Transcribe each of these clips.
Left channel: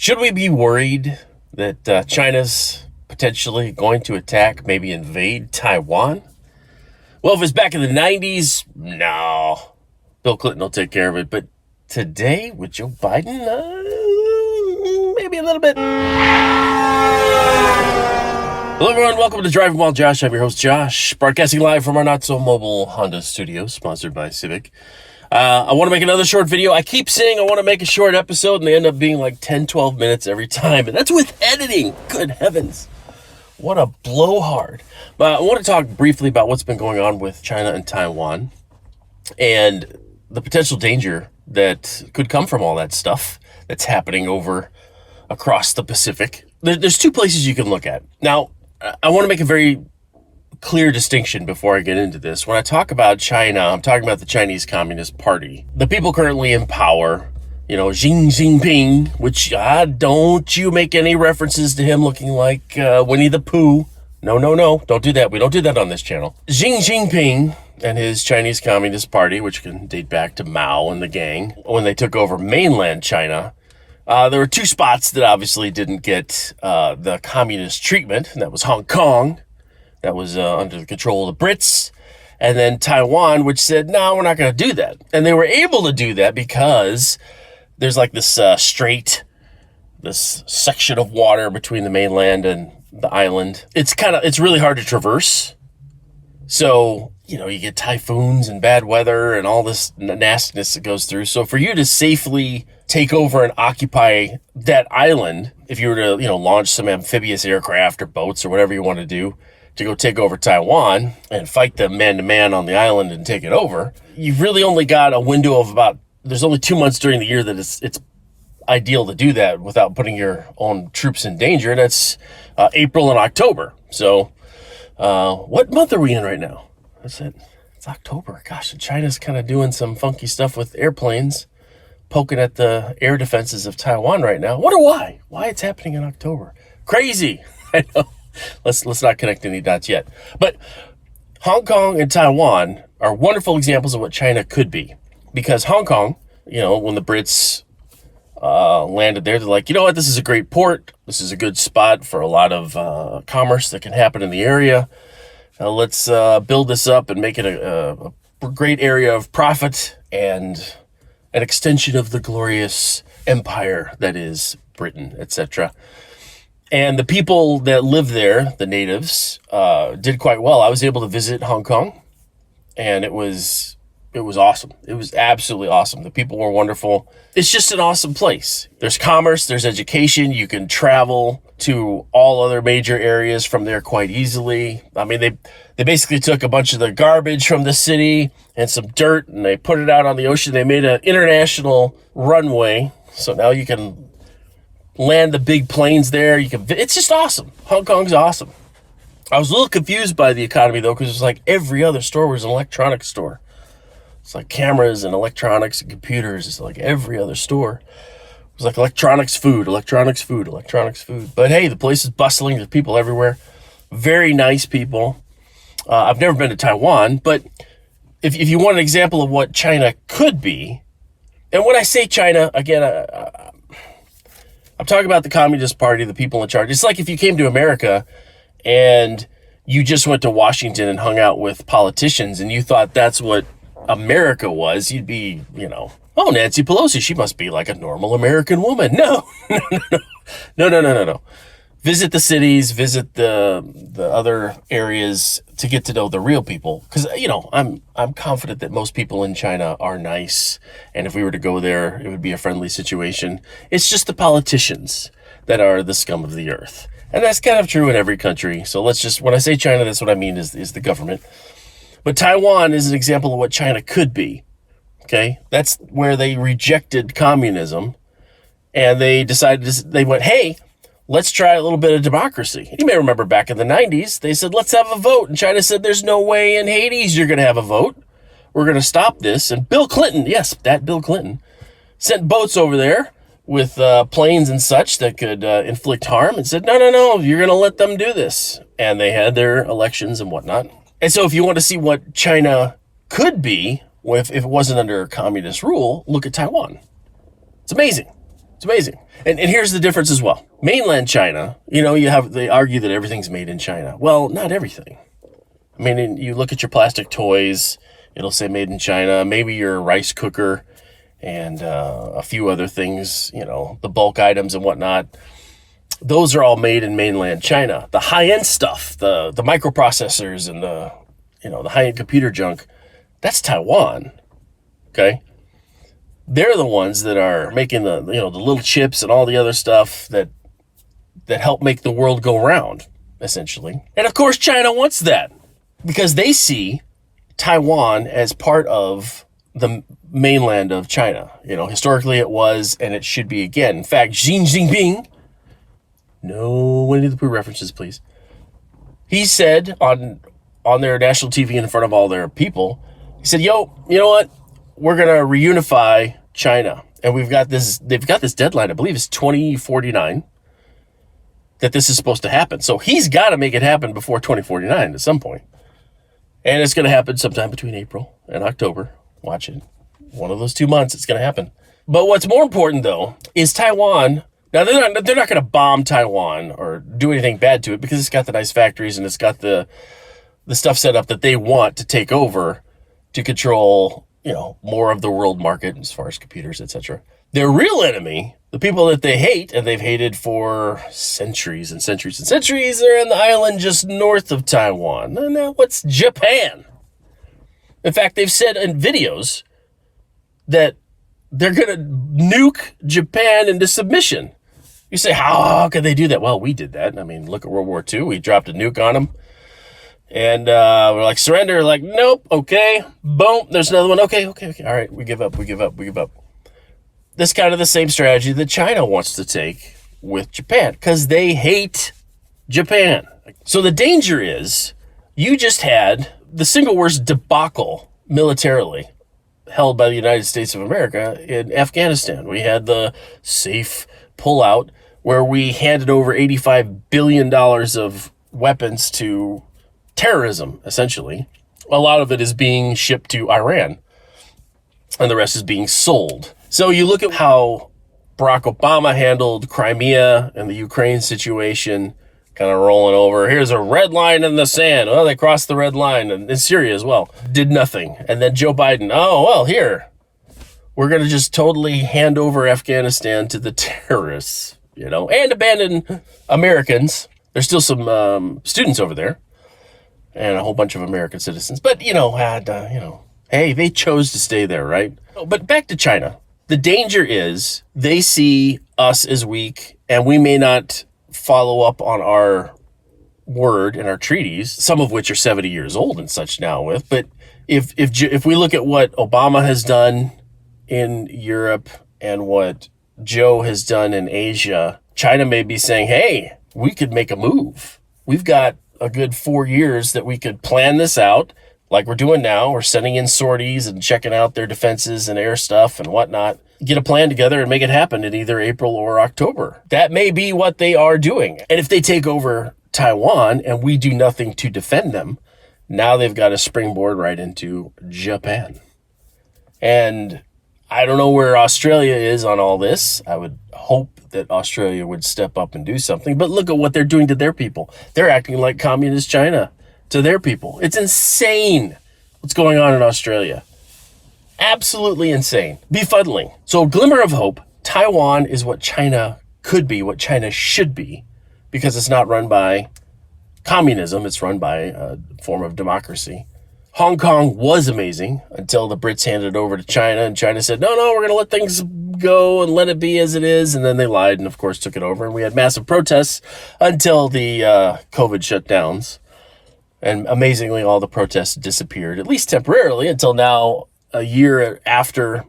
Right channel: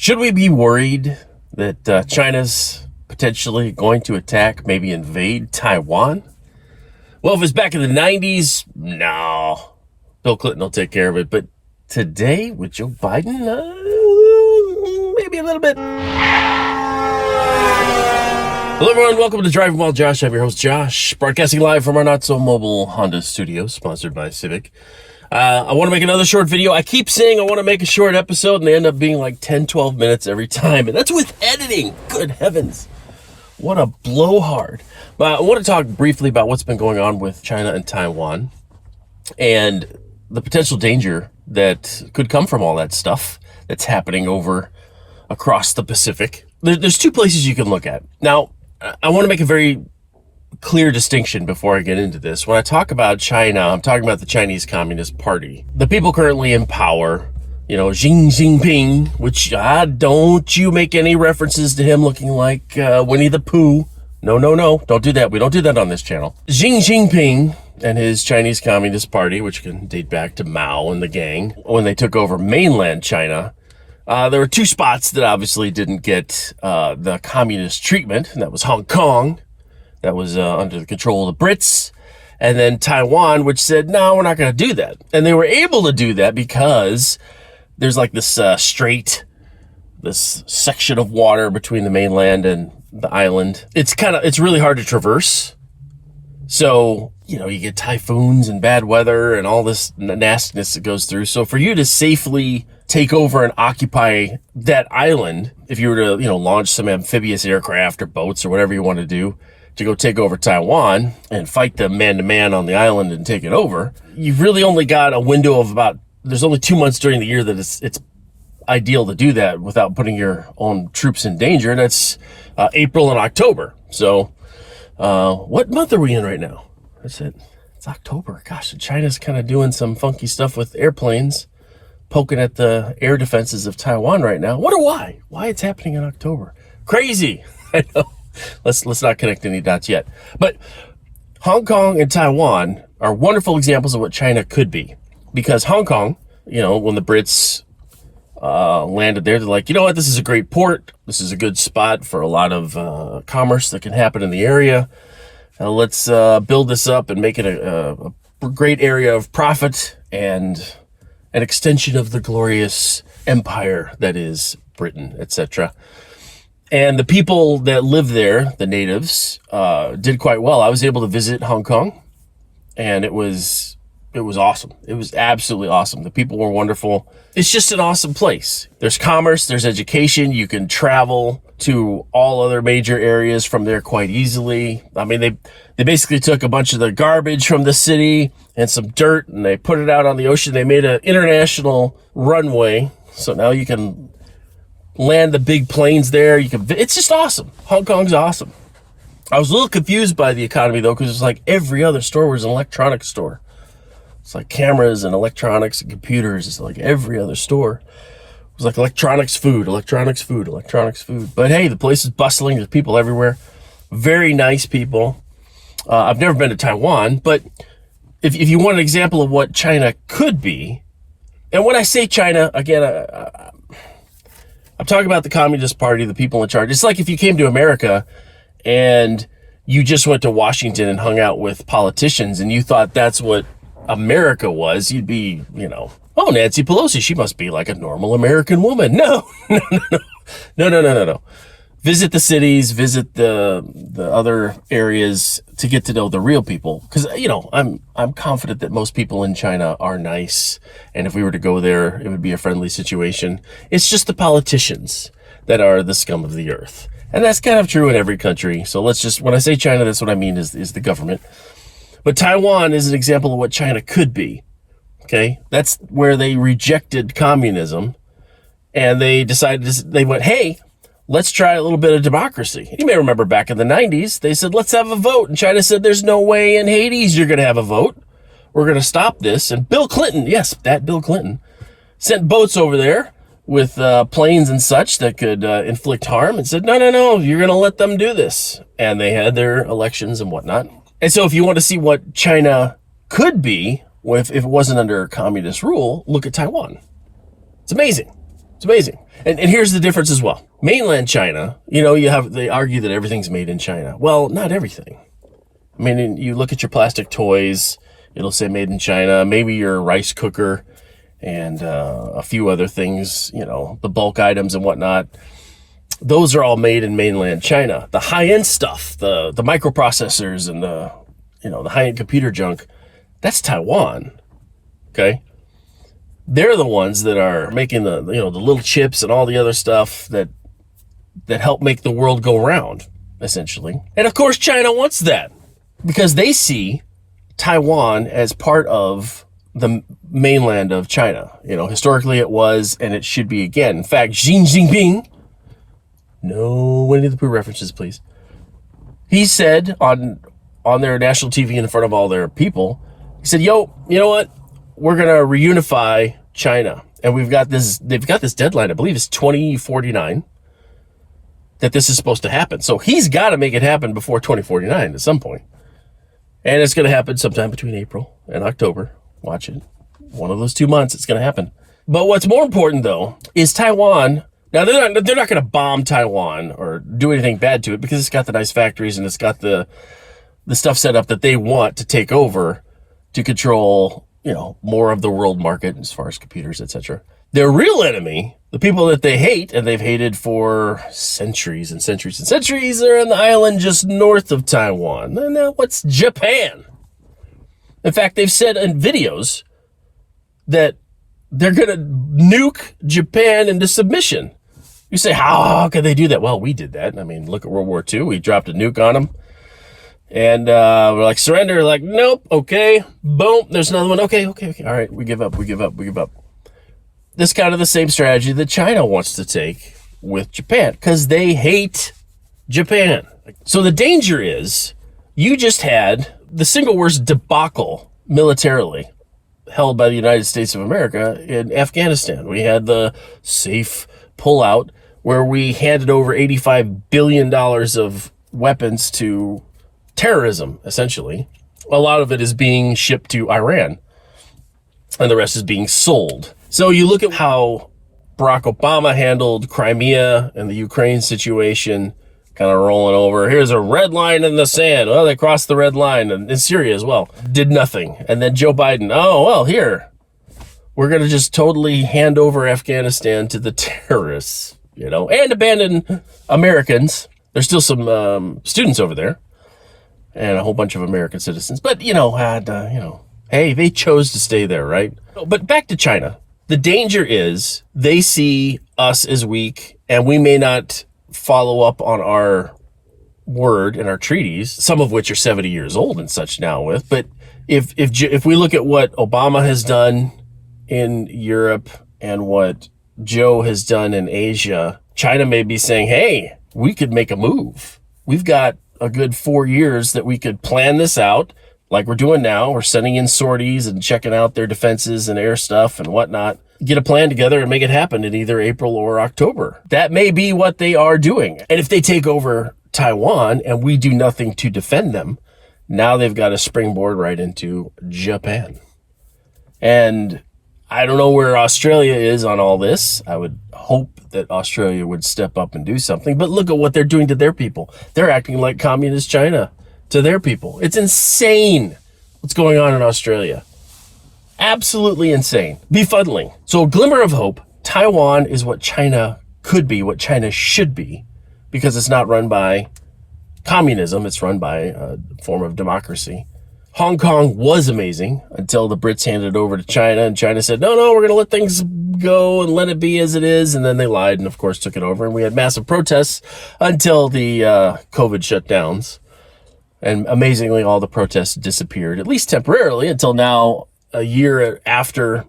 Should we be worried that China's potentially going to attack, maybe invade Taiwan? Well, if it's back in the 90s, no. Bill Clinton will take care of it. But today, with Joe Biden, maybe a little bit. Hello, everyone. Welcome to Driving While Josh. I'm your host, Josh, broadcasting live from our not-so-mobile Honda studios, sponsored by Civic. I want to make another short video. I keep saying I want to make a short episode, and they end up being like 10, 12 minutes every time. And that's with editing. Good heavens. What a blowhard. But I want to talk briefly about what's been going on with China and Taiwan and the potential danger that could come from all that stuff that's happening over across the Pacific. There's two places you can look at. Now, I want to make a very clear distinction before I get into this. When I talk about China, I'm talking about the Chinese Communist Party. The people currently in power, Xi Jinping, which don't you make any references to him looking like Winnie the Pooh. No, don't do that. We don't do that on this channel. Xi Jinping and his Chinese Communist Party, which can date back to Mao and the gang, when they took over mainland China, there were two spots that obviously didn't get the communist treatment, and that was Hong Kong. That was under the control of the Brits. And then Taiwan, which said, no, we're not going to do that. And they were able to do that because there's like this this section of water between the mainland and the island. It's really hard to traverse. So, you get typhoons and bad weather and all this nastiness that goes through. So for you to safely take over and occupy that island, if you were to, launch some amphibious aircraft or boats or whatever you want to do, to go take over Taiwan and fight them man-to-man on the island and take it over, you've really only got a window of there's only 2 months during the year that it's ideal to do that without putting your own troops in danger. That's April and October. So what month are we in right now? It's October. Gosh, China's kind of doing some funky stuff with airplanes, poking at the air defenses of Taiwan right now. Wonder why it's happening in October. Crazy. I know. Let's not connect any dots yet. But Hong Kong and Taiwan are wonderful examples of what China could be. Because Hong Kong, when the Brits landed there, they're like, you know what, this is a great port. This is a good spot for a lot of commerce that can happen in the area. Let's build this up and make it a great area of profit and an extension of the glorious empire that is Britain, etc. And the people that live there, the natives, did quite well. I was able to visit Hong Kong, and it was awesome. It was absolutely awesome. The people were wonderful. It's just an awesome place. There's commerce, there's education. You can travel to all other major areas from there quite easily. I mean, they basically took a bunch of the garbage from the city and some dirt, and they put it out on the ocean. They made an international runway, so now you can land the big planes there. It's just awesome. Hong Kong's awesome. I was a little confused by the economy though, because it's like every other store was an electronics store. It's like cameras and electronics and computers. It's like every other store. It was like electronics food. But hey, the place is bustling. There's people everywhere. Very nice people. I've never been to Taiwan, but if you want an example of what China could be, and when I say China, again, I'm talking about the Communist Party, the people in charge. It's like if you came to America and you just went to Washington and hung out with politicians and you thought that's what America was, you'd be, oh, Nancy Pelosi, she must be like a normal American woman. No. Visit the cities, visit the other areas to get to know the real people. Because, I'm confident that most people in China are nice. And if we were to go there, it would be a friendly situation. It's just the politicians that are the scum of the earth. And that's kind of true in every country. So when I say China, that's what I mean is the government. But Taiwan is an example of what China could be. Okay? That's where they rejected communism. And they went, hey, let's try a little bit of democracy. You may remember back in the 90s, they said, let's have a vote. And China said, there's no way in Hades you're going to have a vote. We're going to stop this. And Bill Clinton, yes, that Bill Clinton, sent boats over there with planes and such that could inflict harm and said, no, you're going to let them do this. And they had their elections and whatnot. And so if you want to see what China could be if it wasn't under communist rule, look at Taiwan. It's amazing. It's amazing. And here's the difference as well. Mainland China, they argue that everything's made in China. Well, not everything. I mean, you look at your plastic toys, it'll say made in China, maybe your rice cooker and a few other things, the bulk items and whatnot. Those are all made in mainland China. The high-end stuff, the microprocessors and the high-end computer junk, that's Taiwan, okay? They're the ones that are making the little chips and all the other stuff that help make the world go round, essentially. And of course, China wants that because they see Taiwan as part of the mainland of China. Historically it was, and it should be again. In fact, Xi Jinping, no Winnie the Pooh references, please. He said on their national TV in front of all their people, he said, you know what? We're going to reunify China. And they've got this deadline, I believe it's 2049, that this is supposed to happen. So he's got to make it happen before 2049 at some point. And it's going to happen sometime between April and October. Watch it. One of those 2 months, it's going to happen. But what's more important, though, is Taiwan. Now, they're not going to bomb Taiwan or do anything bad to it because it's got the nice factories and it's got the stuff set up that they want to take over to control, more of the world market as far as computers, etc. Their real enemy, the people that they hate and they've hated for centuries and centuries and centuries, are in the island just north of Taiwan. Now, what's Japan? In fact, they've said in videos that they're going to nuke Japan into submission. You say, how could they do that? Well, we did that. I mean, look at World War II. We dropped a nuke on them. And we're like, surrender. Like, nope. Okay. Boom. There's another one. Okay. All right. We give up. This kind of the same strategy that China wants to take with Japan because they hate Japan. So the danger is you just had the single worst debacle militarily held by the United States of America in Afghanistan. We had the safe pullout where we handed over $85 billion of weapons to terrorism, essentially. A lot of it is being shipped to Iran, and the rest is being sold. So you look at how Barack Obama handled Crimea and the Ukraine situation, kind of rolling over. Here's a red line in the sand. Well, they crossed the red line, and in Syria as well. Did nothing. And then Joe Biden, here, we're going to just totally hand over Afghanistan to the terrorists, and abandon Americans. There's still some students over there and a whole bunch of American citizens. But, hey, they chose to stay there, right? But back to China. The danger is they see us as weak, and we may not follow up on our word and our treaties, some of which are 70 years old and such now with. But if we look at what Obama has done in Europe and what Joe has done in Asia, China may be saying, hey, we could make a move. We've got a good 4 years that we could plan this out like we're doing now. We're sending in sorties and checking out their defenses and air stuff and whatnot. Get a plan together and make it happen in either April or October. That may be what they are doing. And if they take over Taiwan and we do nothing to defend them, now they've got a springboard right into Japan. And I don't know where Australia is on all this. I would hope that Australia would step up and do something. But look at what they're doing to their people. They're acting like communist China to their people. It's insane what's going on in Australia. Absolutely insane. Befuddling. So a glimmer of hope. Taiwan is what China could be, what China should be, because it's not run by communism. It's run by a form of democracy. Hong Kong was amazing until the Brits handed it over to China, and China said, no, we're going to let things go and let it be as it is. And then they lied and, of course, took it over. And we had massive protests until the COVID shutdowns. And amazingly, all the protests disappeared, at least temporarily, until now, a year after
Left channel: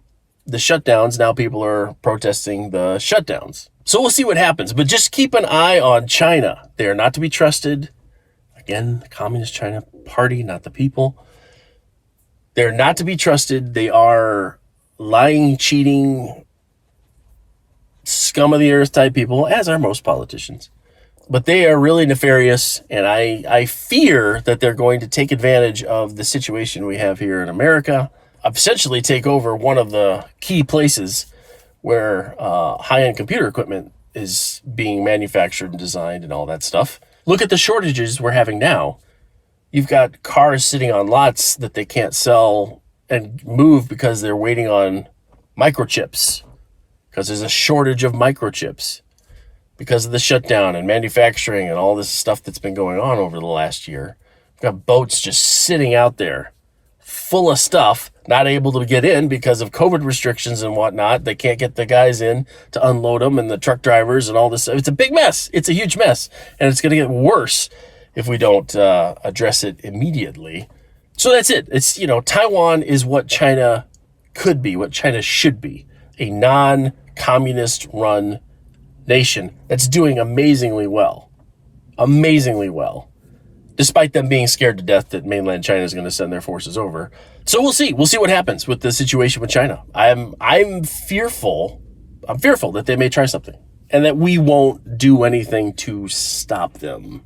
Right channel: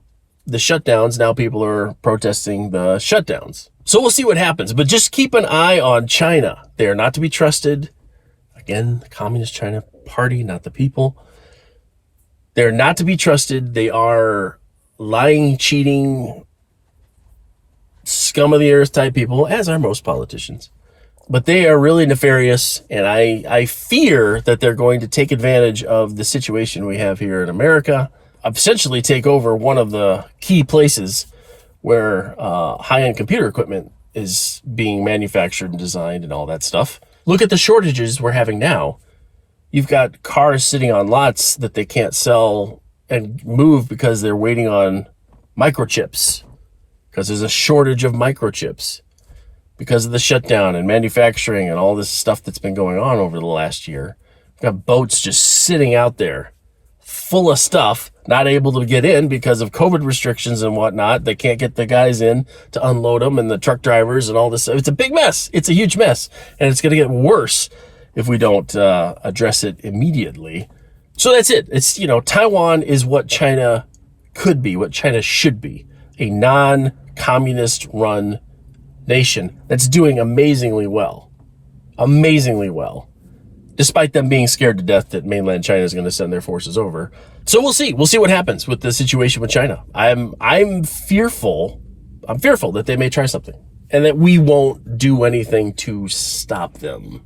the shutdowns. Now people are protesting the shutdowns. So we'll see what happens. But just keep an eye on China. They are not to be trusted. Again, the Communist China Party, not the people. They're not to be trusted. They are lying, cheating, scum of the earth type people, as are most politicians. But they are really nefarious, and I fear that they're going to take advantage of the situation we have here in America, essentially take over one of the key places where high-end computer equipment is being manufactured and designed and all that stuff. Look at the shortages we're having now. You've got cars sitting on lots that they can't sell and move because they're waiting on microchips, because there's a shortage of microchips because of the shutdown and manufacturing and all this stuff that's been going on over the last year. We've got boats just sitting out there full of stuff, not able to get in because of COVID restrictions and whatnot. They can't get the guys in to unload them, and the truck drivers and all this. It's a big mess. It's a huge mess, and it's going to get worse if we don't address it immediately. So that's it. It's, Taiwan is what China could be, what China should be, a non-communist run nation that's doing amazingly well, despite them being scared to death that mainland China is going to send their forces over. So we'll see what happens with the situation with China. I'm fearful that they may try something and that we won't do anything to stop them.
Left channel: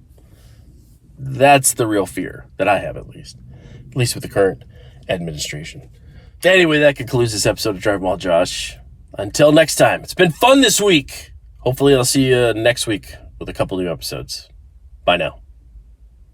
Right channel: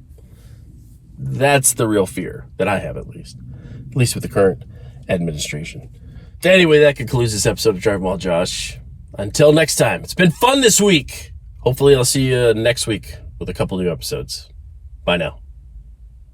That's the real fear that I have, at least with the current administration. Anyway, that concludes this episode of Driving While Josh. Until next time, it's been fun this week. Hopefully I'll see you next week with a couple new episodes. Bye now.